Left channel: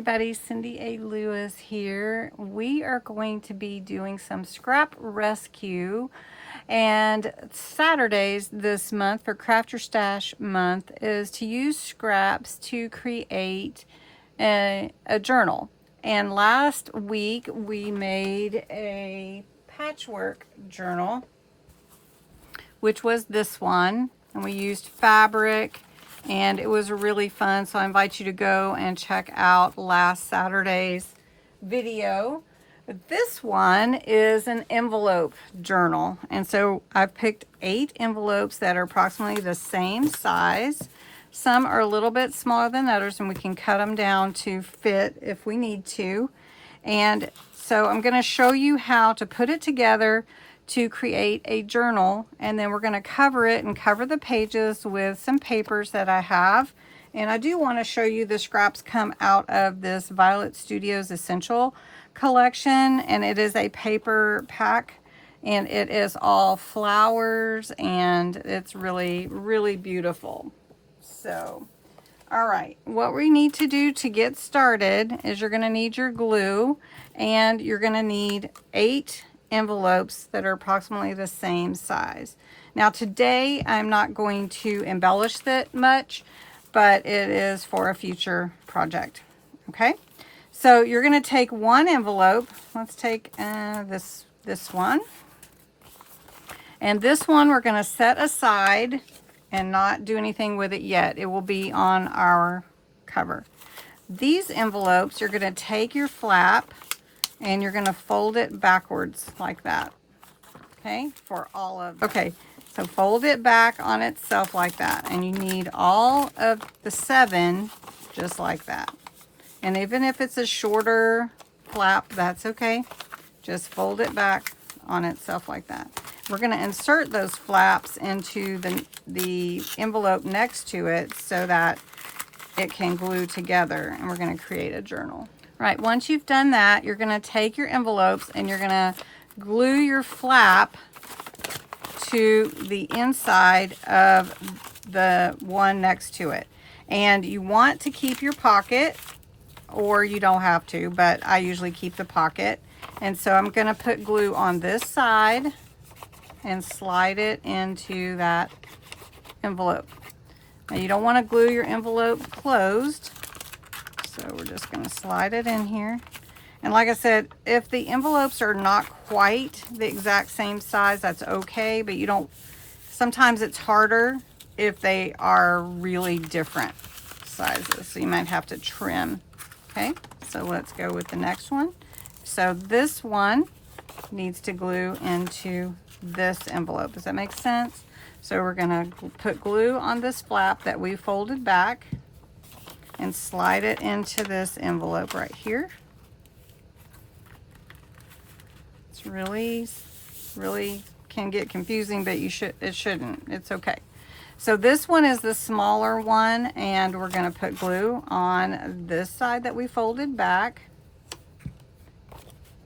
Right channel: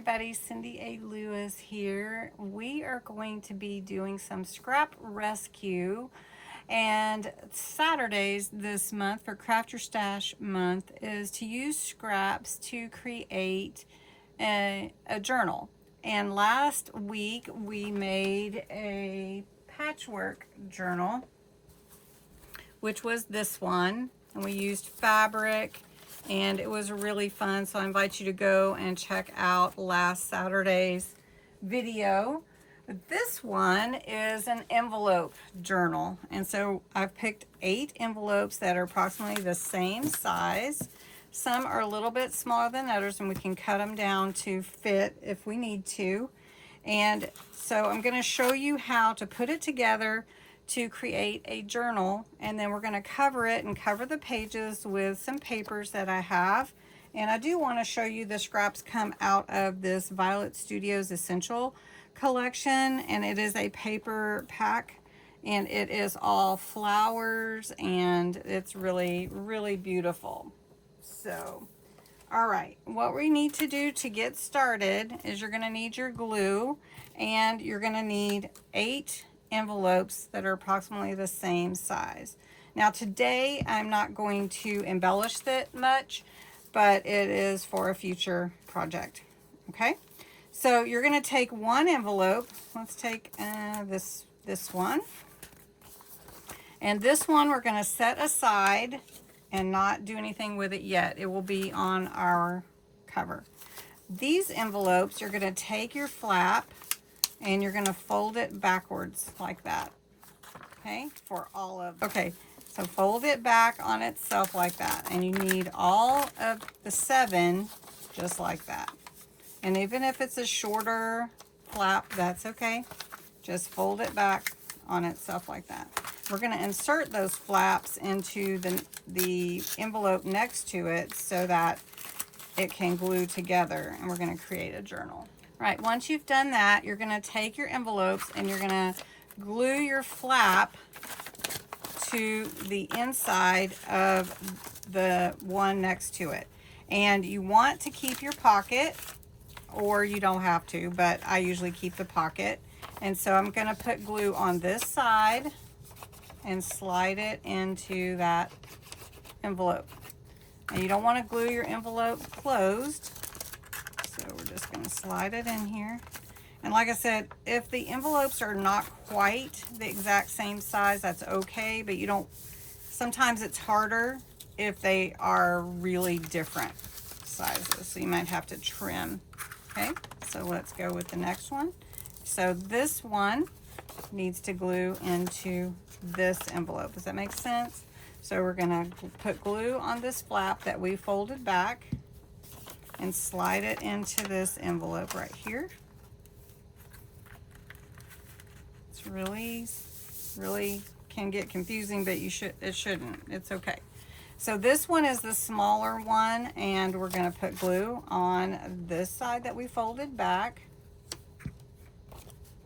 everybody, Cindy A. Lewis here. We are going to be doing some scrap rescue, and Saturdays this month for Craft Your Stash month is to use scraps to create a journal. And last week we made a patchwork journal, which was this one, and we used fabric, and it was really fun. So I invite you to go and check out last Saturday's video. This one is an envelope journal, and so I've picked 8 envelopes that are approximately the same size. Some are a little bit smaller than others, and we can cut them down to fit if we need to. And so I'm going to show you how to put it together to create a journal, and then we're going to cover it and cover the pages with some papers that I have. And I do want to show you the scraps come out of this Violet Studios Essential collection, and it is a paper pack, and it is all flowers, and it's really, really beautiful. So, all right, what we need to do to get started is you're going to need your glue, and you're going to need 8 envelopes that are approximately the same size. Now today I'm not going to embellish it much, but it is for a future project. Okay, so you're going to take one envelope. Let's take this one, and this one we're going to set aside and not do anything with it yet. It will be on our cover. These envelopes, you're going to take your flap and you're going to fold it backwards like that. Okay, for all of them. Okay, so fold it back on itself like that, and you need all of the 7 just like that. And even if it's a shorter flap, that's okay. Just fold it back on itself like that. We're going to insert those flaps into the envelope next to it so that it can glue together, and we're going to create a journal. Right, once you've done that, you're going to take your envelopes and you're going to glue your flap to the inside of the one next to it. And you want to keep your pocket, or you don't have to, but I usually keep the pocket. And so I'm going to put glue on this side and slide it into that envelope. Now you don't want to glue your envelope closed, so we're just going to slide it in here. And like I said, if the envelopes are not quite the exact same size, that's okay, but you don't, sometimes it's harder if they are really different sizes, so you might have to trim. Okay, so let's go with the next one. So this one needs to glue into this envelope. Does that make sense? So we're going to put glue on this flap that we folded back and slide it into this envelope right here. It's really can get confusing, but it shouldn't. It's okay. So this one is the smaller one, and we're going to put glue on this side that we folded back.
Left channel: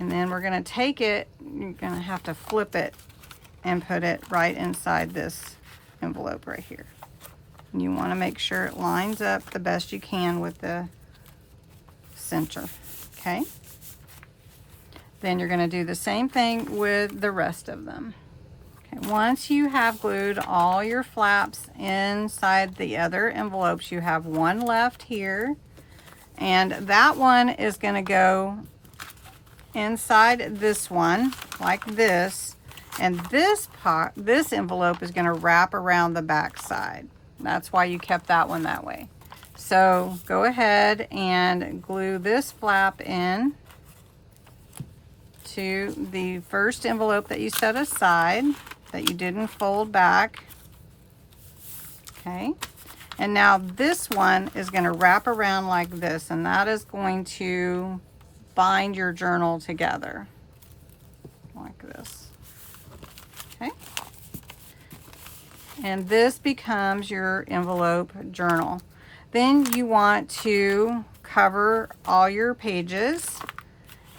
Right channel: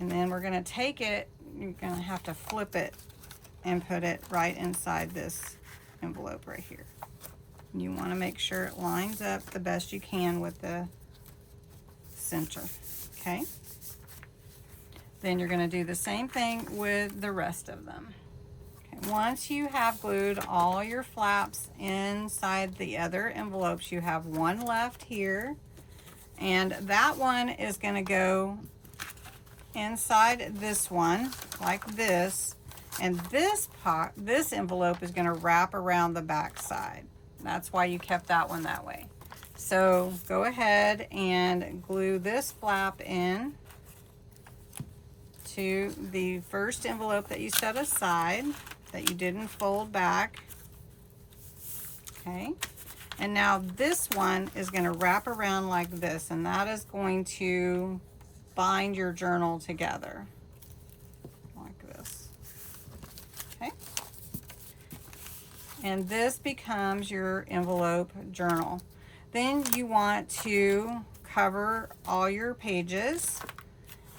And then we're going to take it, you're going to have to flip it and put it right inside this envelope right here. You want to make sure it lines up the best you can with the center. Okay, then you're going to do the same thing with the rest of them. Okay, once you have glued all your flaps inside the other envelopes, you have one left here, and that one is going to go inside this one like this, and this envelope is going to wrap around the back side. That's why you kept that one that way. So go ahead and glue this flap in to the first envelope that you set aside that you didn't fold back. Okay, and now this one is going to wrap around like this, and that is going to bind your journal together like this. Okay, and this becomes your envelope journal. Then you want to cover all your pages,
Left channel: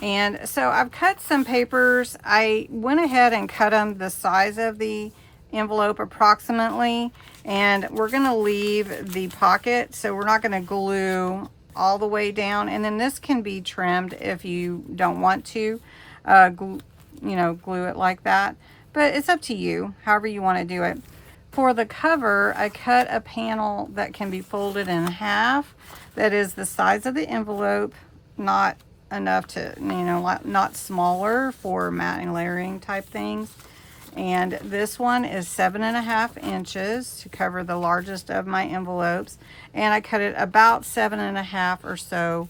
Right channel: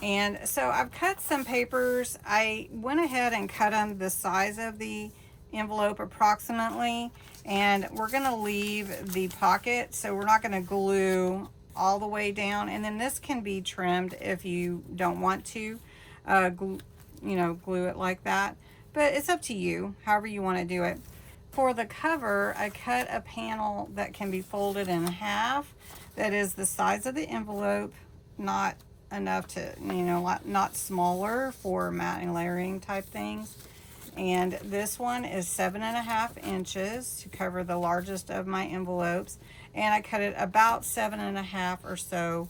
and so I've cut some papers. I went ahead and cut them the size of the envelope approximately, and we're going to leave the pocket, so we're not going to glue all the way down, and then this can be trimmed if you don't want to glue it like that, but it's up to you, however you want to do it. For the cover, I cut a panel that can be folded in half, that is the size of the envelope, not enough to, not smaller for matting layering type things. And this one is 7.5 inches to cover the largest of my envelopes, and I cut it about 7.5 or so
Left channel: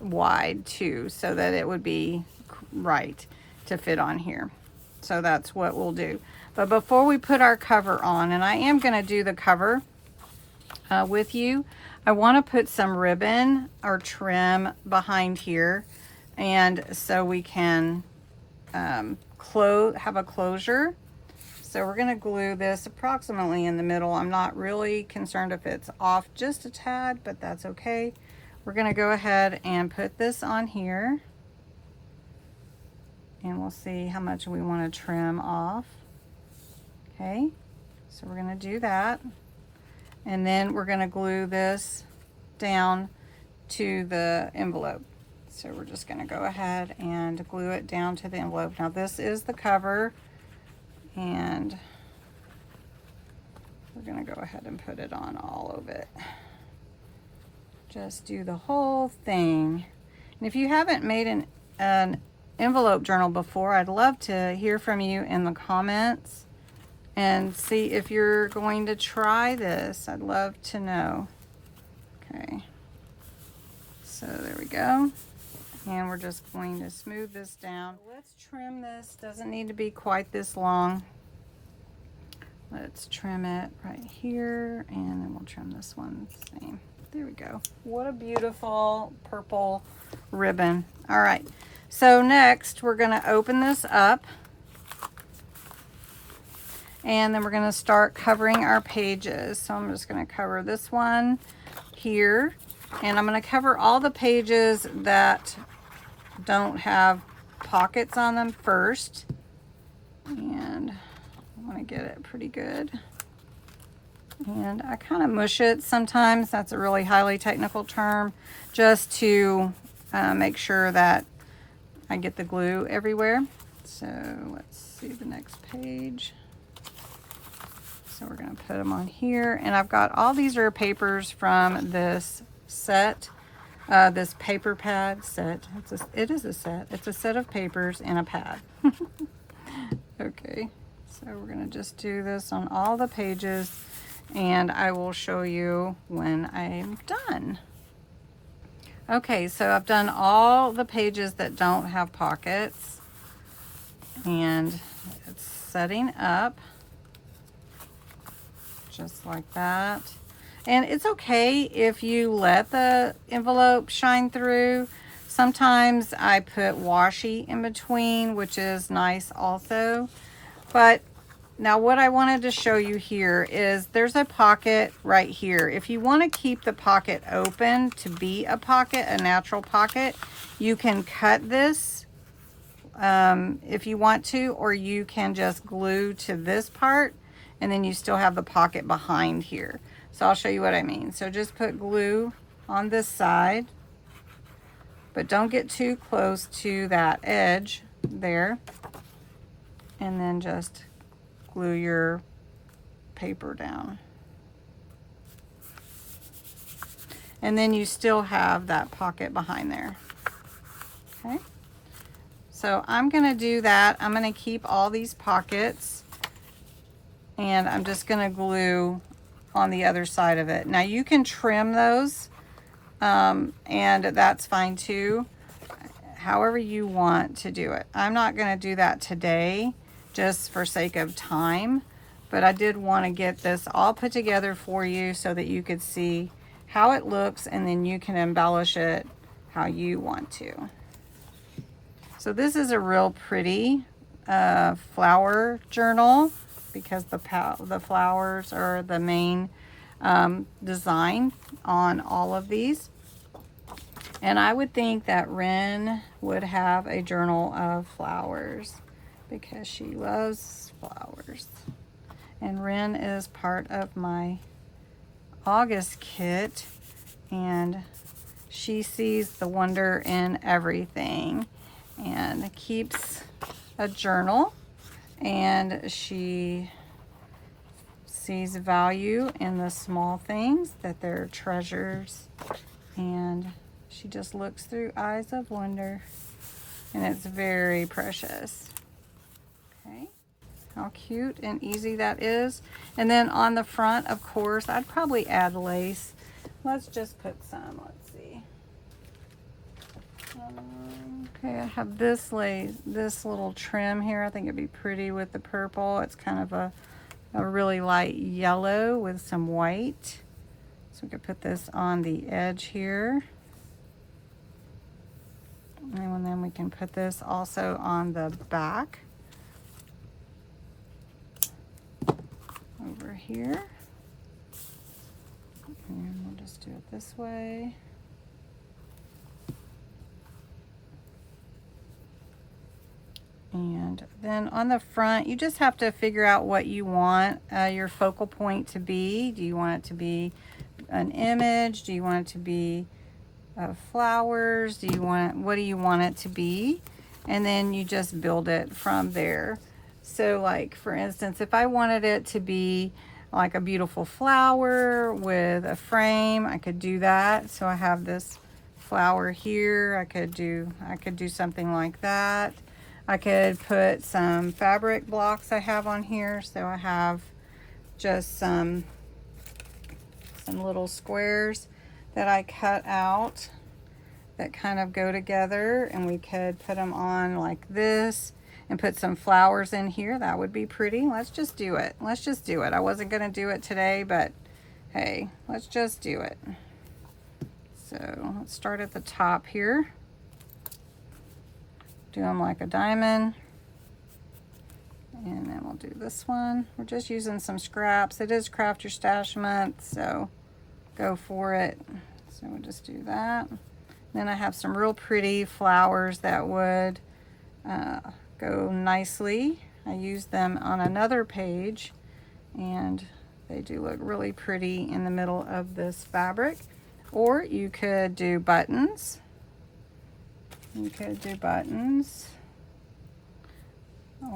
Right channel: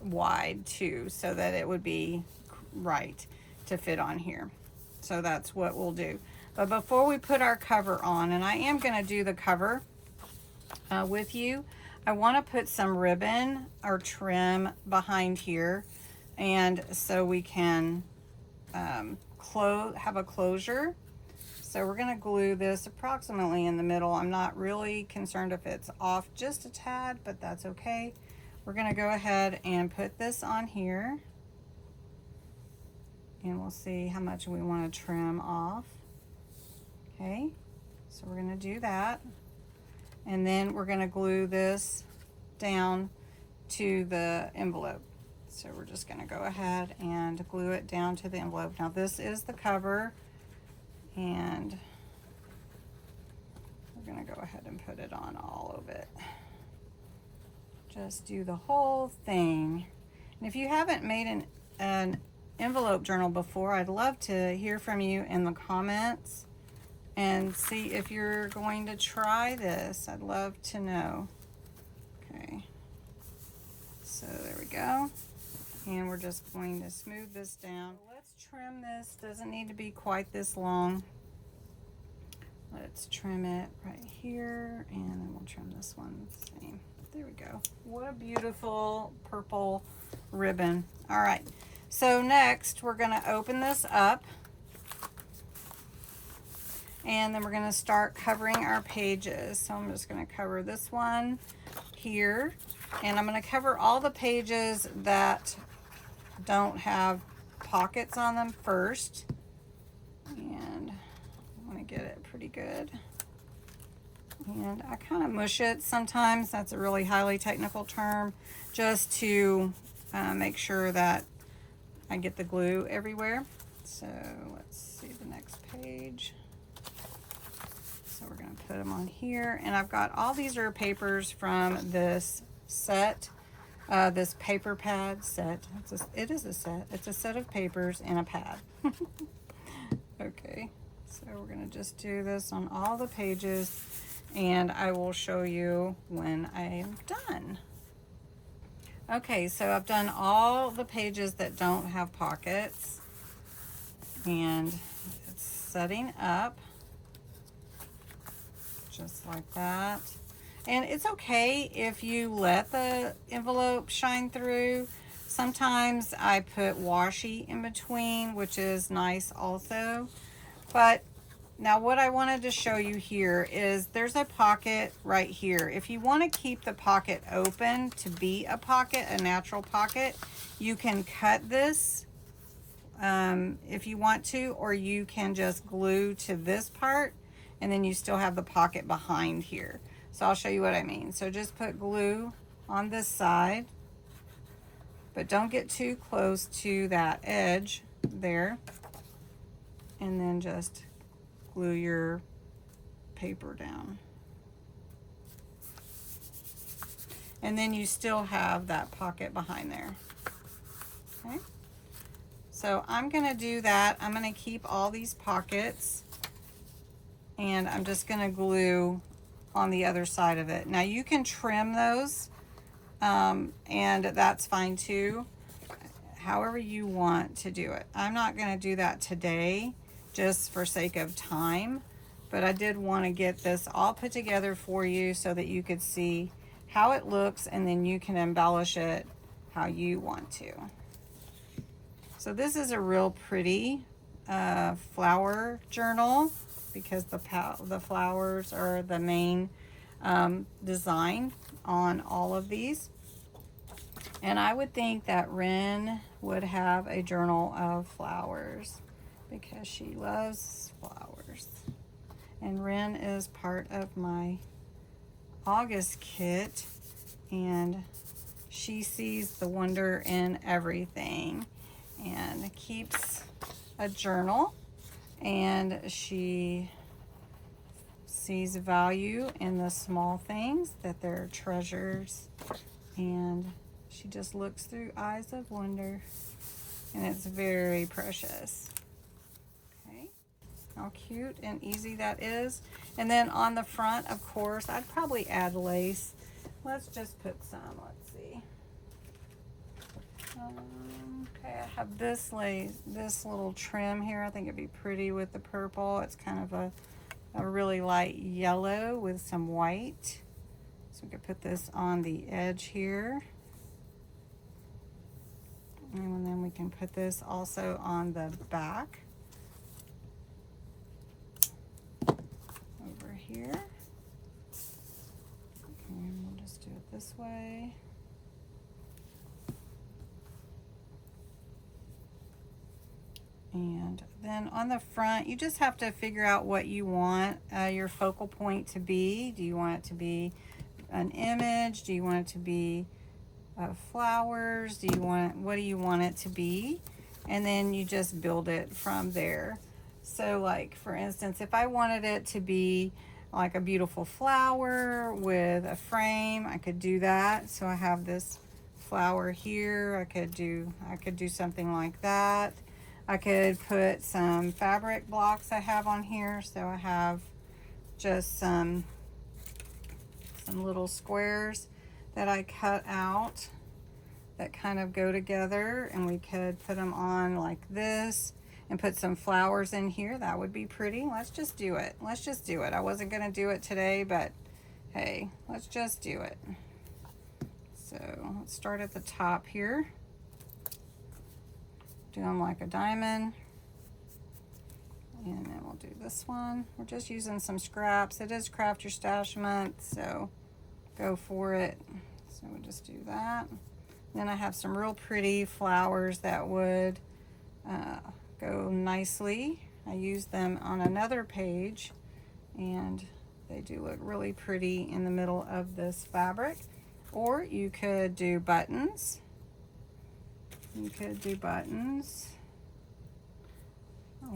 wide too, so that it would be right to fit on here. So that's what we'll do. But before we put our cover on, and I am going to do the cover with you, I want to put some ribbon or trim behind here, and so we can have a closure. So we're going to glue this approximately in the middle. I'm not really concerned if it's off just a tad, but that's okay. We're going to go ahead and put this on here, and we'll see how much we want to trim off. Okay, so we're going to do that, and then we're going to glue this down to the envelope. So we're just going to go ahead and glue it down to the envelope. Now this is the cover, and we're going to go ahead and put it on all of it. Just do the whole thing. And if you haven't made an envelope journal before, I'd love to hear from you in the comments and see if you're going to try this. I'd love to know. Okay, so there we go. And we're just going to smooth this down. Let's trim this. Doesn't need to be quite this long. Let's trim it right here, and then we'll trim this one the same. There we go. What a beautiful purple ribbon. All right, so next we're going to open this up, and then we're going to start covering our pages. So I'm just going to cover this one here, and I'm going to cover all the pages that don't have pockets on them first, and I want to get it pretty good. And I kind of mush it sometimes. That's a really highly technical term, just to make sure that I get the glue everywhere. So let's see the next page. So we're going to put them on here, and I've got all these are papers from this set, this paper pad set. It is a set. It's a set of papers and a pad. Okay, so we're going to just do this on all the pages, and I will show you when I'm done. Okay, so I've done all the pages that don't have pockets, and it's setting up just like that. And it's okay if you let the envelope shine through. Sometimes I put washi in between, which is nice also. But now what I wanted to show you here is there's a pocket right here. If you want to keep the pocket open to be a pocket, a natural pocket, you can cut this if you want to, or you can just glue to this part, and then you still have the pocket behind here. So I'll show you what I mean. So just put glue on this side, but don't get too close to that edge there, and then just glue your paper down. And then you still have that pocket behind there. Okay, so I'm gonna do that. I'm gonna keep all these pockets, and I'm just gonna glue on the other side of it. Now you can trim those, and that's fine too, however you want to do it. I'm not gonna do that today, just for sake of time, but I did want to get this all put together for you so that you could see how it looks, and then you can embellish it how you want to. So this is a real pretty flower journal, because the flowers are the main design on all of these. And I would think that Ren would have a journal of flowers, because she loves flowers. And Ren is part of my August kit and she sees the wonder in everything and keeps a journal, and she sees value in the small things, that they're treasures, and she just looks through eyes of wonder, and it's very precious. Okay, how cute and easy that is. And then on the front, of course, I'd probably add lace. Let's just put some, let's see. Okay, I have this lace, this little trim here. I think it'd be pretty with the purple. It's kind of a really light yellow with some white. So we could put this on the edge here. And then we can put this also on the back. Over here. And we'll just do it this way. And then on the front, you just have to figure out what you want your focal point to be. Do you want it to be an image? Do you want it to be flowers? What do you want it to be? And then you just build it from there. So like, for instance, if I wanted it to be like a beautiful flower with a frame, I could do that. So I have this flower here. I could do something like that. I could put some fabric blocks I have on here. So I have just some little squares that I cut out that kind of go together, and we could put them on like this and put some flowers in here. That would be pretty. Let's just do it. Let's just do it. I wasn't going to do it today, but hey, let's just do it. So let's start at the top here. Do them like a diamond, and then we'll do this one. We're just using some scraps. It is Craft Your Stash month, so go for it. So we'll just do that. Then I have some real pretty flowers that would go nicely. I used them on another page, and they do look really pretty in the middle of this fabric. Or you could do buttons. You could do buttons,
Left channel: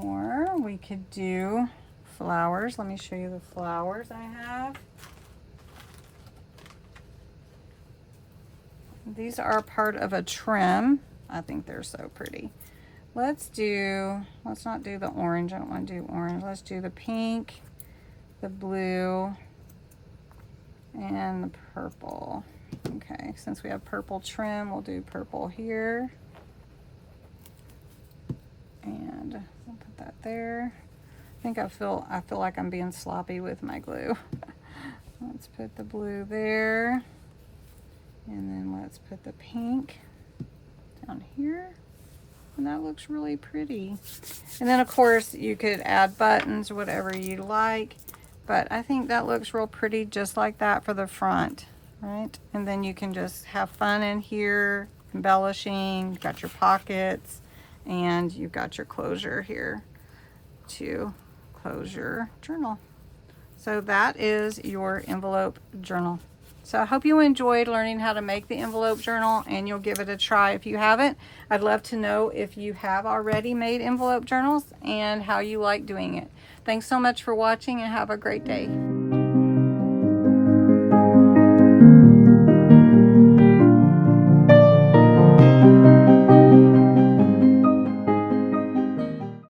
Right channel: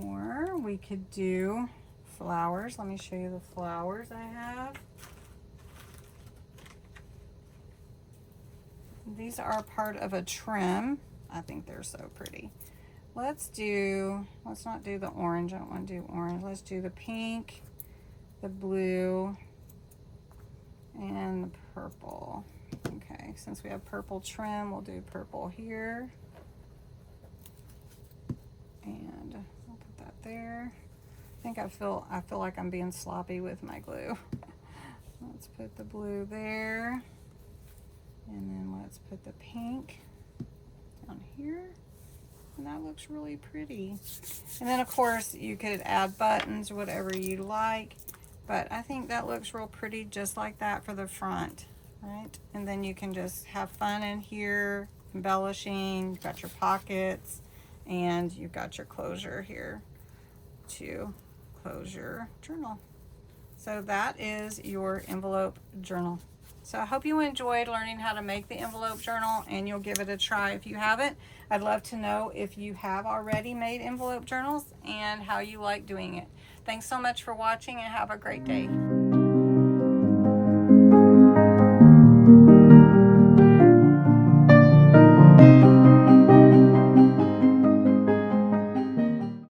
or we could do flowers. Let me show you the flowers I have. These are part of a trim. I think they're so pretty. Let's not do the orange. I don't want to do orange. Let's do the pink, the blue, and the purple. Okay, since we have purple trim, we'll do purple here. And we'll put that there. I think I feel like I'm being sloppy with my glue. Let's put the blue there. And then let's put the pink down here. And that looks really pretty. And then of course you could add buttons, whatever you like. But I think that looks real pretty just like that for the front, right? And then you can just have fun in here, embellishing. You've got your pockets, and you've got your closure here to close your journal. So that is your envelope journal. So I hope you enjoyed learning how to make the envelope journal, and you'll give it a try if you haven't. I'd love to know if you have already made envelope journals and how you like doing it. Thanks so much for watching, and have a great day.